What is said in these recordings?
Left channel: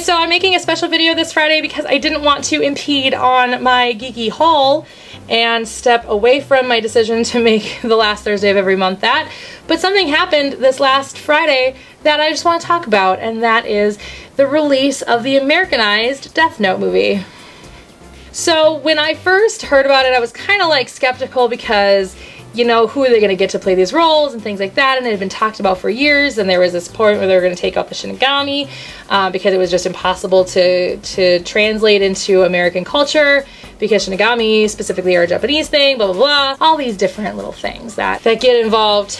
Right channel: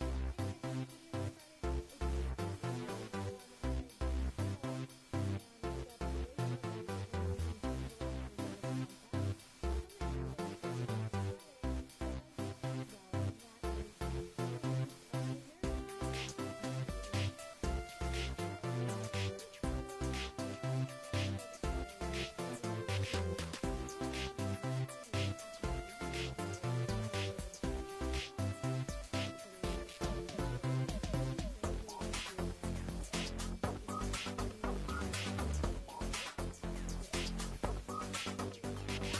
guys, so I'm making a special video this Friday because I didn't want to impede on my geeky haul and step away from my decision to make the last Thursday of every month that. But something happened this last Friday that I just want to talk about, and that is the release of the Americanized Death Note movie. So when I first heard about it, I was kind of like skeptical because, you know, who are they going to get to play these roles and things like that, and it had been talked about for years, and there was this point where they were going to take out the Shinigami because it was just impossible to translate into American culture because Shinigami specifically are a Japanese thing, blah blah blah, all these different little things that get involved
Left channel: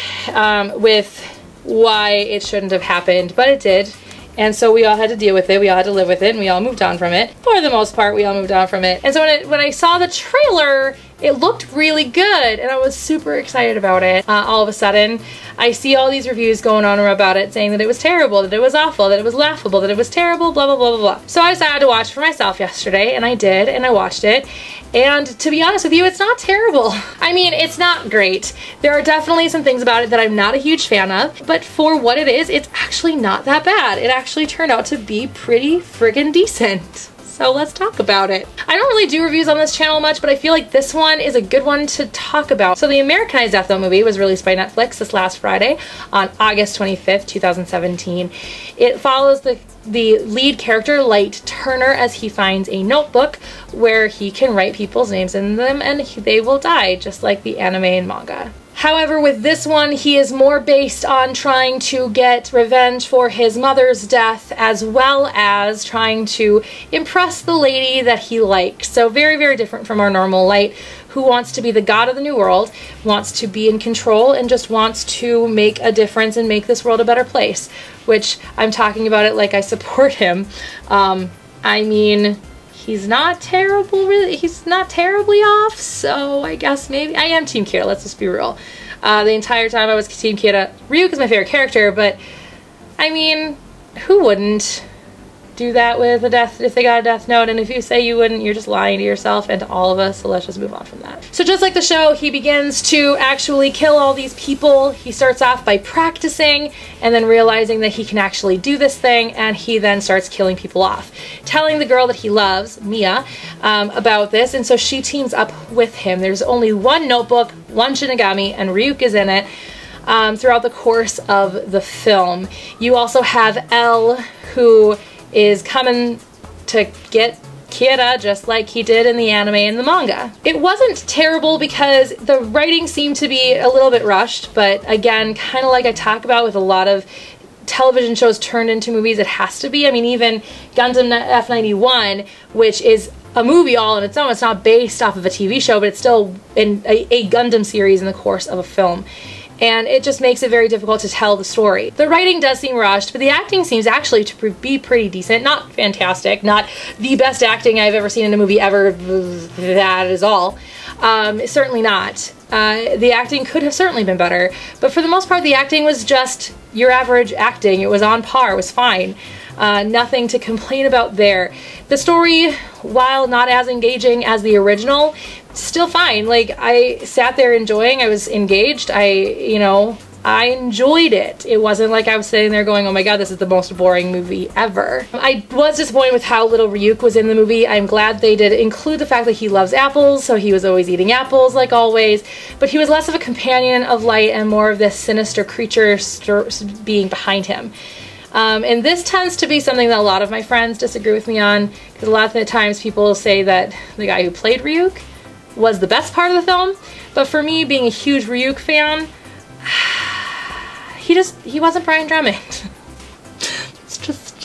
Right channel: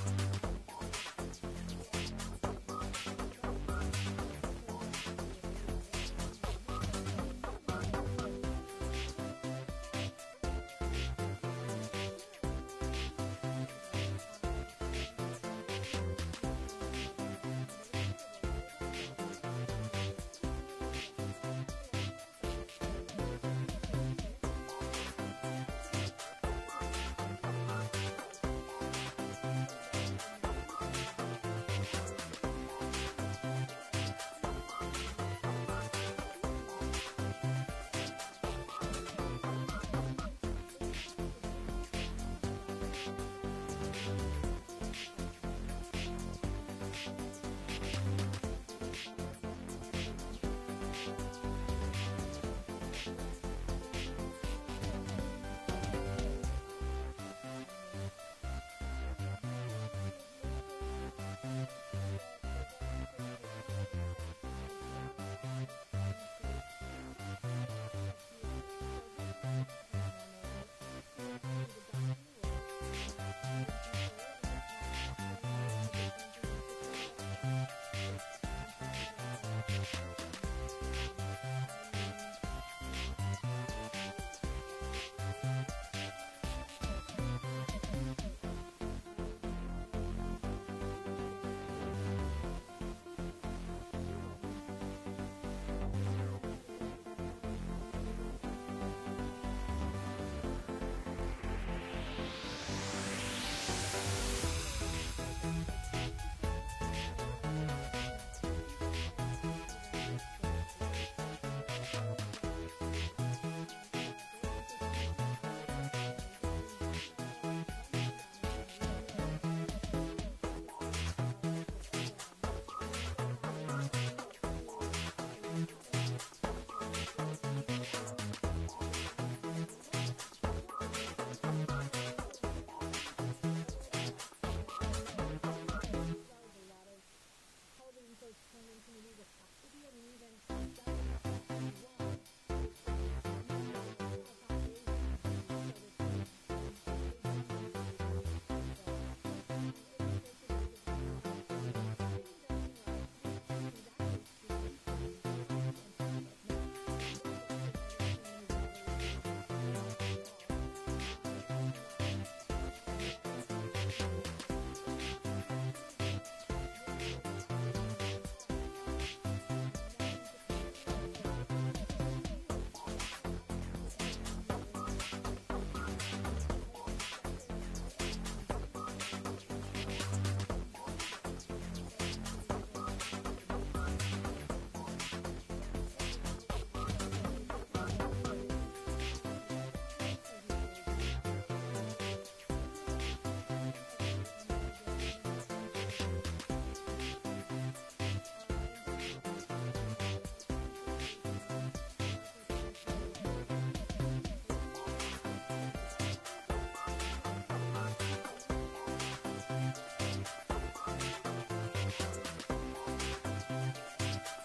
with why it shouldn't have happened, but it did. And so we all had to deal with it, we all had to live with it, and we all moved on from it. For the most part, we all moved on from it. And so when I saw the trailer, it looked really good, and I was super excited about it. All of a sudden, I see all these reviews going on about it saying that it was terrible, that it was awful, that it was laughable, that it was terrible, blah, blah, blah, blah, blah. So I decided to watch it for myself yesterday, and I did, and I watched it. And to be honest with you, it's not terrible. I mean, it's not great. There are definitely some things about it that I'm not a huge fan of, but for what it is, it's actually not that bad. It actually turned out to be pretty friggin' decent. So let's talk about it. I don't really do reviews on this channel much, but I feel like this one is a good one to talk about. So the Americanized Death Note movie was released by Netflix this last Friday on August 25th, 2017. It follows the lead character, Light Turner, as he finds a notebook where he can write people's names in them and they will die, just like the anime and manga. However, with this one, he is more based on trying to get revenge for his mother's death, as well as trying to impress the lady that he likes. So very, very different from our normal Light, who wants to be the god of the new world, wants to be in control, and just wants to make a difference and make this world a better place, which I'm talking about it like I support him. I mean, he's not terrible, really. He's not terribly off, so I guess maybe I am Team Kira, let's just be real. The entire time I was Team Kira. Ryuk is my favorite character, but I mean, who wouldn't do that with a death if they got a death note? And if you say you wouldn't, you're just lying to yourself and to all of us, so let's just move on from that. So just like the show, he begins to actually kill all these people. He starts off by practicing and then realizing that he can actually do this thing, and he then starts killing people off, telling the girl that he loves, Mia, about this, and so she teams up with him. There's only one notebook, one Shinigami, and Ryuk is in it throughout the course of the film. You also have L, who is coming to get Kira just like he did in the anime and the manga. It wasn't terrible because the writing seemed to be a little bit rushed, but again, kind of like I talk about with a lot of television shows turned into movies, it has to be. I mean, even Gundam F91, which is a movie all on its own, it's not based off of a TV show, but it's still in a Gundam series in the course of a film. And it just makes it very difficult to tell the story. The writing does seem rushed, but the acting seems actually to be pretty decent. Not fantastic, not the best acting I've ever seen in a movie ever, that is all. Certainly not. The acting could have certainly been better, but for the most part the acting was just your average acting. It was on par, it was fine. Nothing to complain about there. The story, while not as engaging as the original, still fine. Like, I sat there enjoying, I was engaged, I enjoyed it. It wasn't like I was sitting there going, oh my god, this is the most boring movie ever. I was disappointed with how little Ryuk was in the movie. I'm glad they did include the fact that he loves apples, so he was always eating apples like always, but he was less of a companion of Light and more of this sinister creature being behind him. And this tends to be something that a lot of my friends disagree with me on, because a lot of the times people say that the guy who played Ryuk was the best part of the film, but for me, being a huge Ryuk fan, he wasn't Brian Drummond.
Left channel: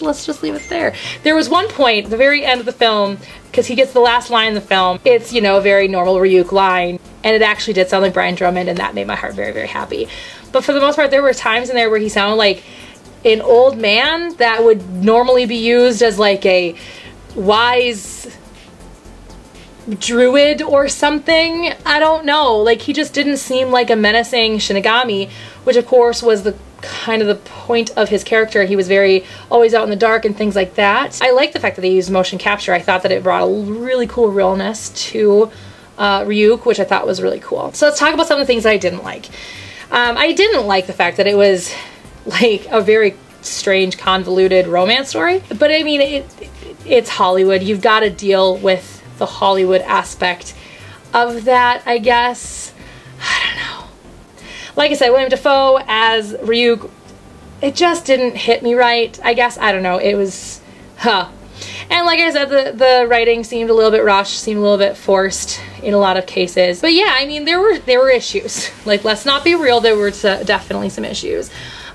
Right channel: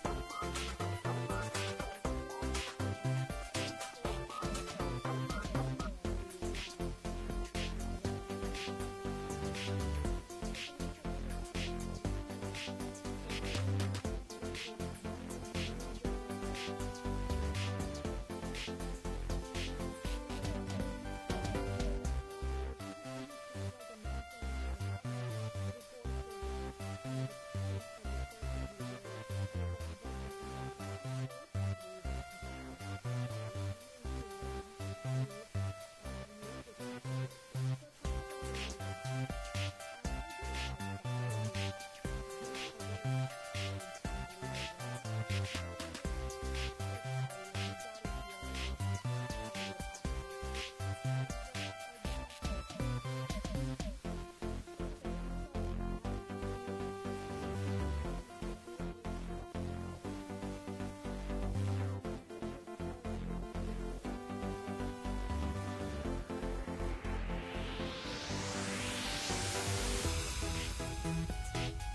Let's just leave it there. There was one point at the very end of the film, because he gets the last line in the film, it's, you know, a very normal Ryuk line, and it actually did sound like Brian Drummond, and that made my heart very, very happy. But for the most part, there were times in there where he sounded like an old man that would normally be used as like a wise druid or something. I don't know, like he just didn't seem like a menacing Shinigami, which of course was the kind of the point of his character. He was very always out in the dark and things like that. I like the fact that they used motion capture. I thought that it brought a really cool realness to Ryuk, which I thought was really cool. So let's talk about some of the things that I didn't like. I didn't like the fact that it was like a very strange, convoluted romance story. But I mean, it's Hollywood. You've got to deal with the Hollywood aspect of that, I guess. I don't know. Like I said, William Dafoe as Ryuk, it just didn't hit me right, I guess. I don't know. It was, And like I said, the writing seemed a little bit rushed, seemed a little bit forced in a lot of cases. But yeah, I mean, there were issues. Like, let's not be real, there were definitely some issues.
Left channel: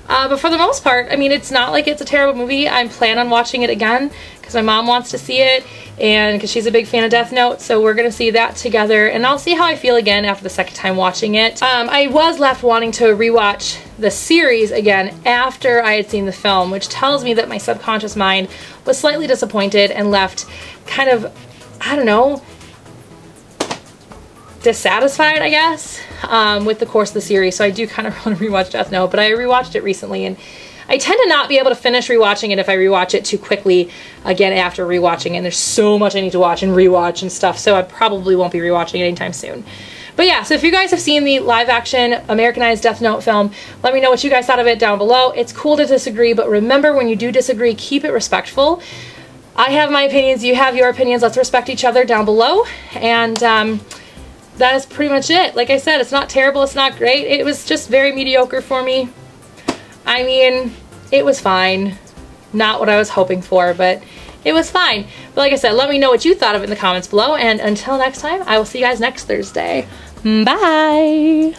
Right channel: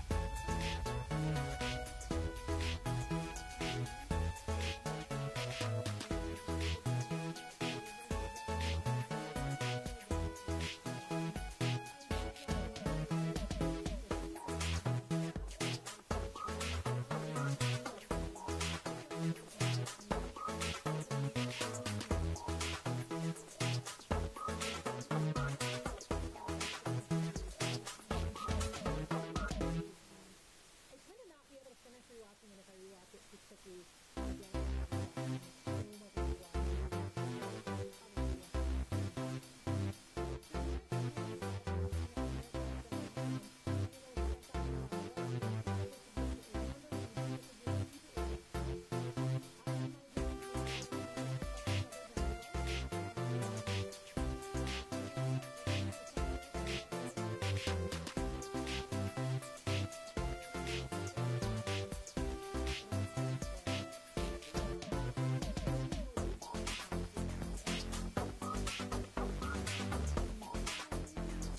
But for the most part, I mean, it's not like it's a terrible movie. I plan on watching it again because my mom wants to see it and because she's a big fan of Death Note, so we're gonna see that together, and I'll see how I feel again after the second time watching it. I was left wanting to rewatch the series again after I had seen the film, which tells me that my subconscious mind was slightly disappointed and left kind of, I don't know, dissatisfied, I guess, with the course of the series. So I do kind of want to rewatch Death Note, but I rewatched it recently, and I tend to not be able to finish rewatching it if I rewatch it too quickly again after rewatching it. And there's so much I need to watch and rewatch and stuff, so I probably won't be rewatching it anytime soon. But yeah, so if you guys have seen the live-action Americanized Death Note film, let me know what you guys thought of it down below. It's cool to disagree, but remember, when you do disagree, keep it respectful. I have my opinions, you have your opinions. Let's respect each other down below. And that is pretty much it. Like I said, it's not terrible, it's not great. It was just very mediocre for me. I mean, it was fine. Not what I was hoping for, but it was fine. But like I said, let me know what you thought of it in the comments below, and until next time, I will see you guys next Thursday. Bye!